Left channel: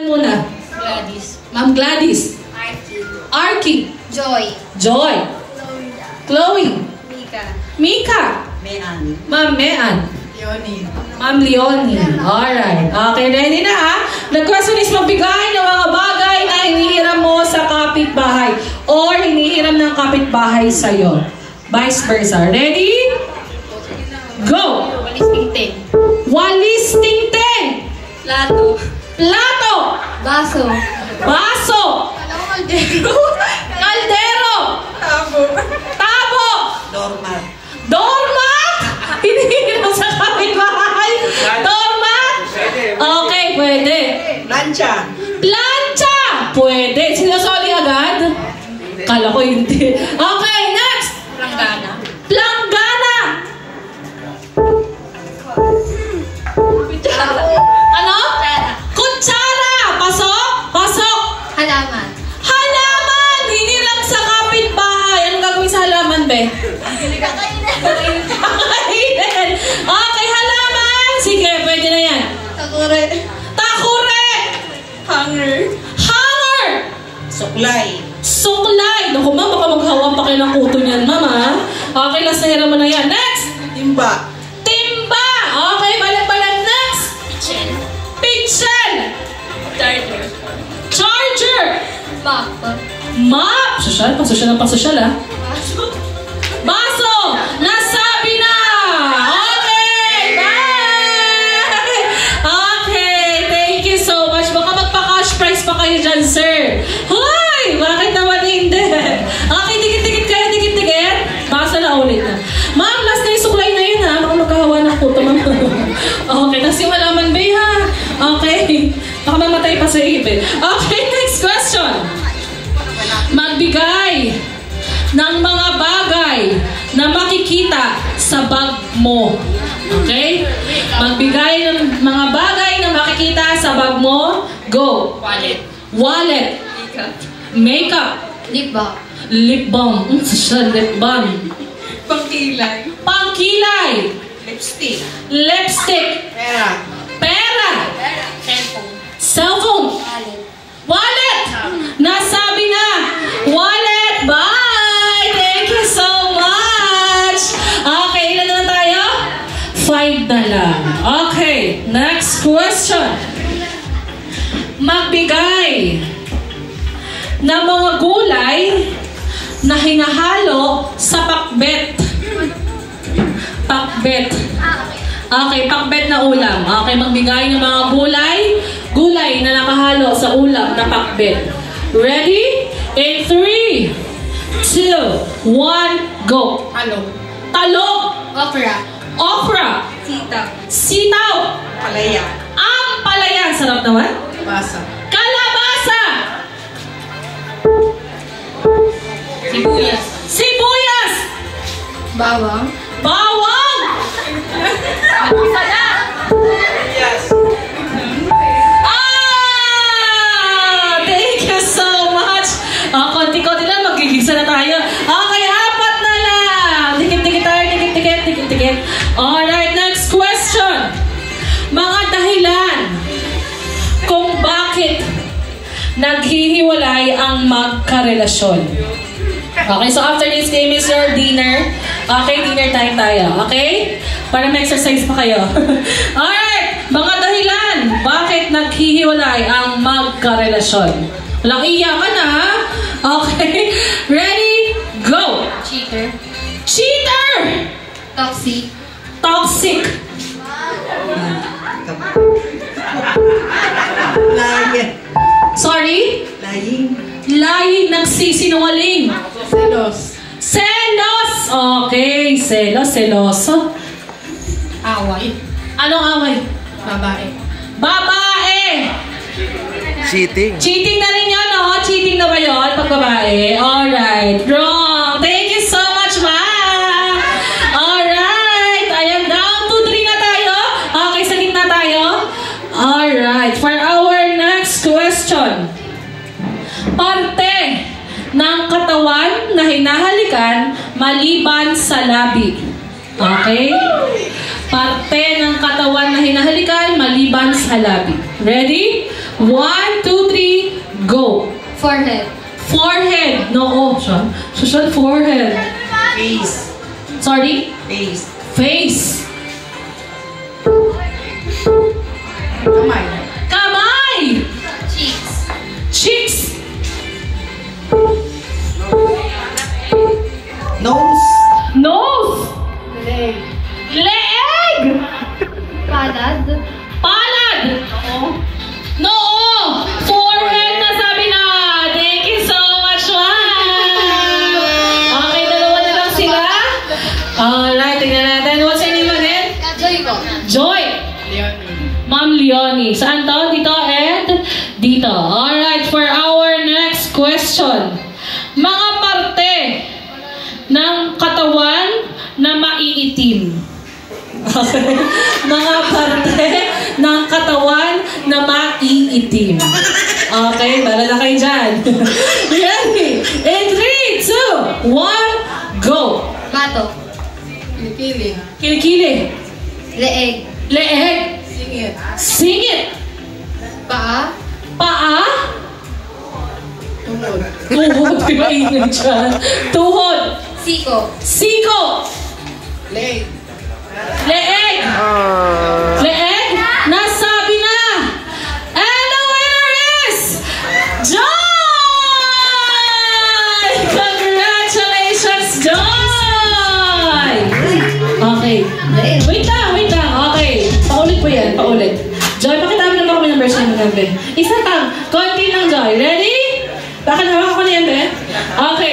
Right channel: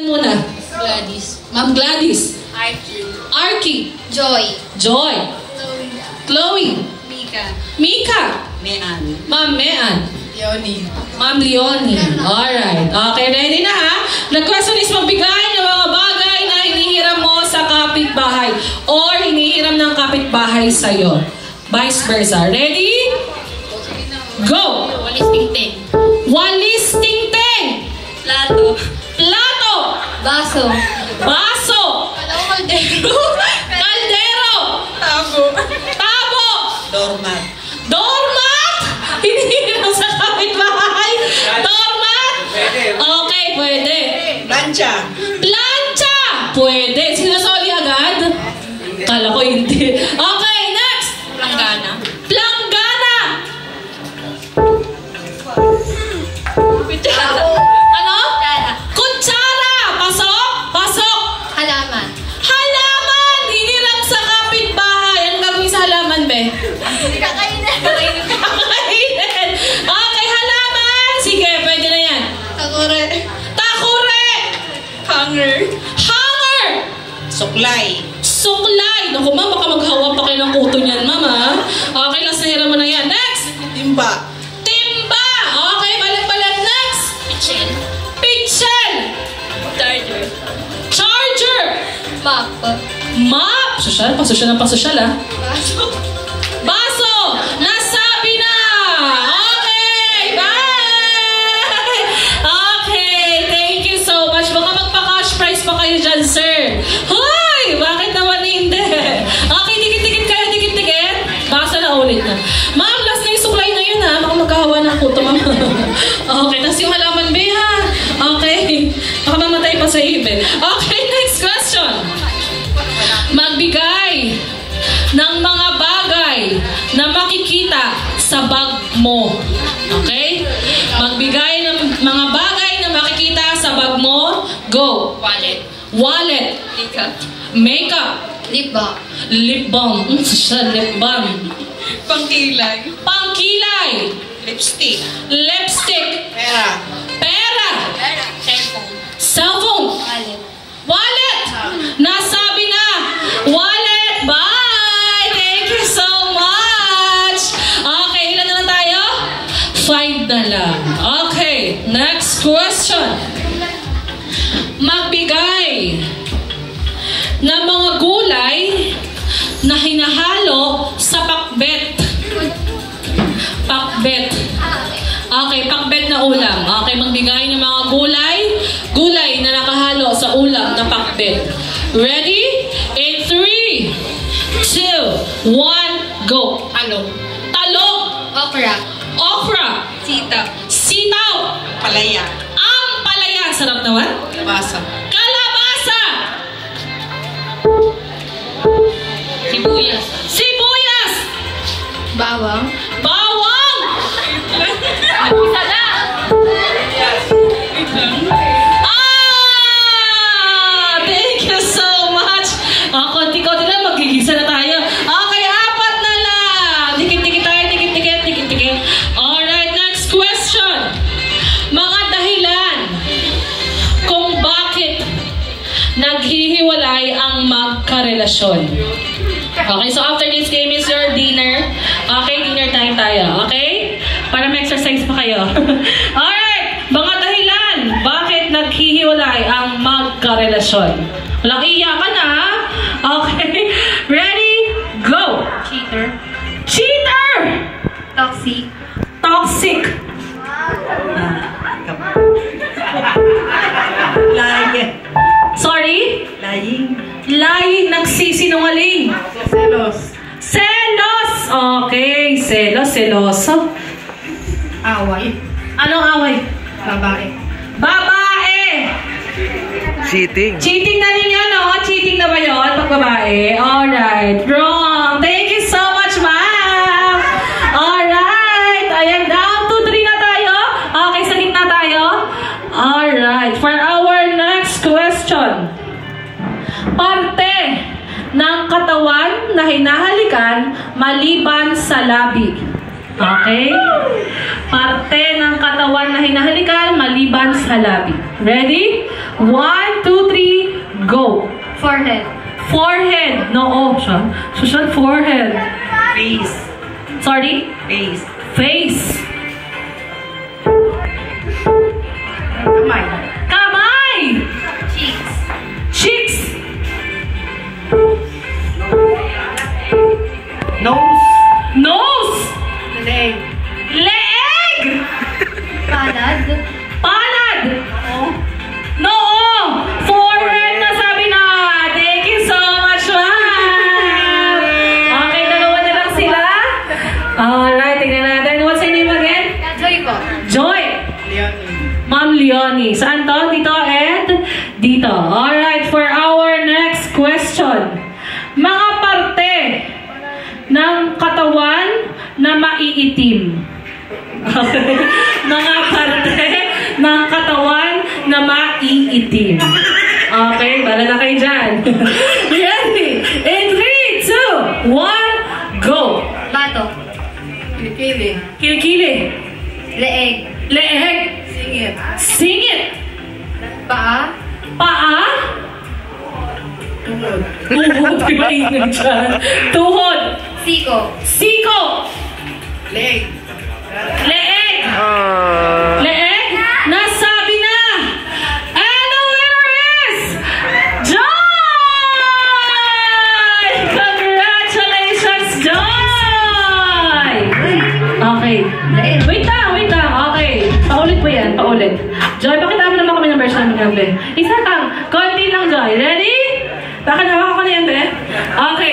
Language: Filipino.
Muna. Gladys. Ma'am Gladys. Arky. Arky. Joy. Joy. Chloe. Mika. Mika. Mean. Ma'am Mean. Leonie. Ma'am Leonie. Alright. Okay, ready na ha? The question is magbigay ng mga bagay na hinihiram mo sa kapitbahay or hinihiram ng kapitbahay sa'yo. Vice versa. Ready? Go! Walis tingting. Walis tingting. Plato. Plato. Baso. Baso. Kaldero. Kaldero. Tabo. Tabo. Doormat. Doormat. Hinihiram sa kapitbahay. Doormat. Okay, pwede. Plancha. Plancha. Pwede. Sinasoli agad? Kala ko hindi. Okay, next. Planggana. Planggana. Ano? Kutsara. Pasok. Pasok. Halaman. Halaman. Hiniram sa kapitbahay. Anong gagawin sa halaman, be? Kakainin. Kakainin. Okay, halaman. Sige, pwede na yan. Takure. Takure. Hanger. Hanger. Suklay. Suklay. Naku, ma'am, baka maghawa pa kayo ng kuto niyan, ma'am, ha? Okay, last na hiram mo na yan. Next. Timba. Timba. Okay, balang-balang. Next. Pichel. Pichel. Charger. Charger. Map. Map. Sosyal, pasosyal ng pasosyal, ha? Baso. Baso. Nasabi na. Okay, bye. Okay, thank you so much. Baka magpa-cash prize pa kayo dyan, sir. Hoy, bakit naman hindi? Okay, dikit-dikit kayo, dikit-dikit. Basta na ulit na. Ma'am, last na yung suklay na yun, ha? Baka magkahawa ng kuto, ma'am. Okay, tas yung halaman, be, ha? Okay. Baka mamatay pa sa ipin. Okay, next question. Magbigay ng mga bagay na makikita sa bag mo. Okay? Magbigay ng mga bagay na makikita sa bag mo. Go. Wallet. Wallet. Makeup. Makeup. Lip balm. Lip balm. Lip balm. Pangkilay. Pangkilay. Lipstick. Lipstick. Pera. Pera. Cellphone. Cellphone. Wallet. Wallet. Nasabi na. Wallet. Bye. Thank you so much. Okay, ilan naman tayo? 5 na lang. Okay, next question. Magbigay ng mga gulay na hinahalo sa pakbet. Pakbet. Okay, pakbet na ulam. Okay, magbigay ng mga gulay na nakahalo sa ulam na pakbet. Ready? In 3, 2, 1, go. Talong. Talong. Okra. Okra. Sitaw. Sitaw. Palaya. Ang palaya. Sarap naman. Basa. Kalabasa. Sibuyas. Sibuyas. Bawang. Bawang. Isa na. Thank you so much. Konti-konti na, magigisa na tayo. Okay, 4 na lang. Dikit-dikit tayo, dikit-dikit. Alright, next question. Mga dahilan kung bakit naghihiwalay ang magkarelasyon. Okay, so after this game is your dinner. Okay, dinner time tayo. Okay? Para ma-exercise pa kayo. Alright, mga dahilan bakit naghihiwalay ang magkarelasyon. Walang iyakan na, ha? Okay, ready? Go! Cheater. Cheater! Toxic. Toxic. Lying. Sorry? Lying. Lying, nagsisinungaling. Selos. Selos! Okay, selos, seloso. Away. Anong away? Babae. Babae! Cheating. Cheating na rin yan, no? Cheating na ba yun pag babae? Alright, wrong. Thank you so much, ma'am. Alright, ayan, down to 3 na tayo. Okay, sa gitna tayo. Alright, for our next question. Parte ng katawan na hinahalikan maliban sa labi. Okay? Parte ng katawan na hinahalikan maliban sa labi. Ready? 1, Forehead. Forehead. No, siya. Social forehead. Face. Sorry? Face. Face. Kamay. Kamay. Cheeks. Cheeks. Nose. Nose. Leg. Leeg. Palad. Palad. Oo. Noo. Forehead na sabi na. Thank you so much, ma'am. Okay, dalawa na lang sila. Alright, tingnan natin. What's your name again? Joy po. Joy. Leonie. Ma'am Leonie. Saan to? Dito and dito. Alright, for our next question. Mga parte ng katawan na maiitim. Okay. Mga parte ng katawan na maiitim. Okay, bala na kayo dyan. Ready? In 3, 2, 1, go! Bato. Kilikili. Kilikili. Leeg. Leeg. Singit. Singit. Paa. Paa. Tuhod. Tuhod. Di ba ingay dyan? Tuhod. Siko. Siko. Leg. Leeg. Leeg. Nasabi na. And the winner is Joy! Congratulations, Joy! Okay. Wait lang. Okay. Paulit po yan. Paulit. Joy, pakita mo naman kami ng version ng Yambe. Isa lang. Konti lang, Joy. Ready? Baka naman ako ni Yambe. Okay.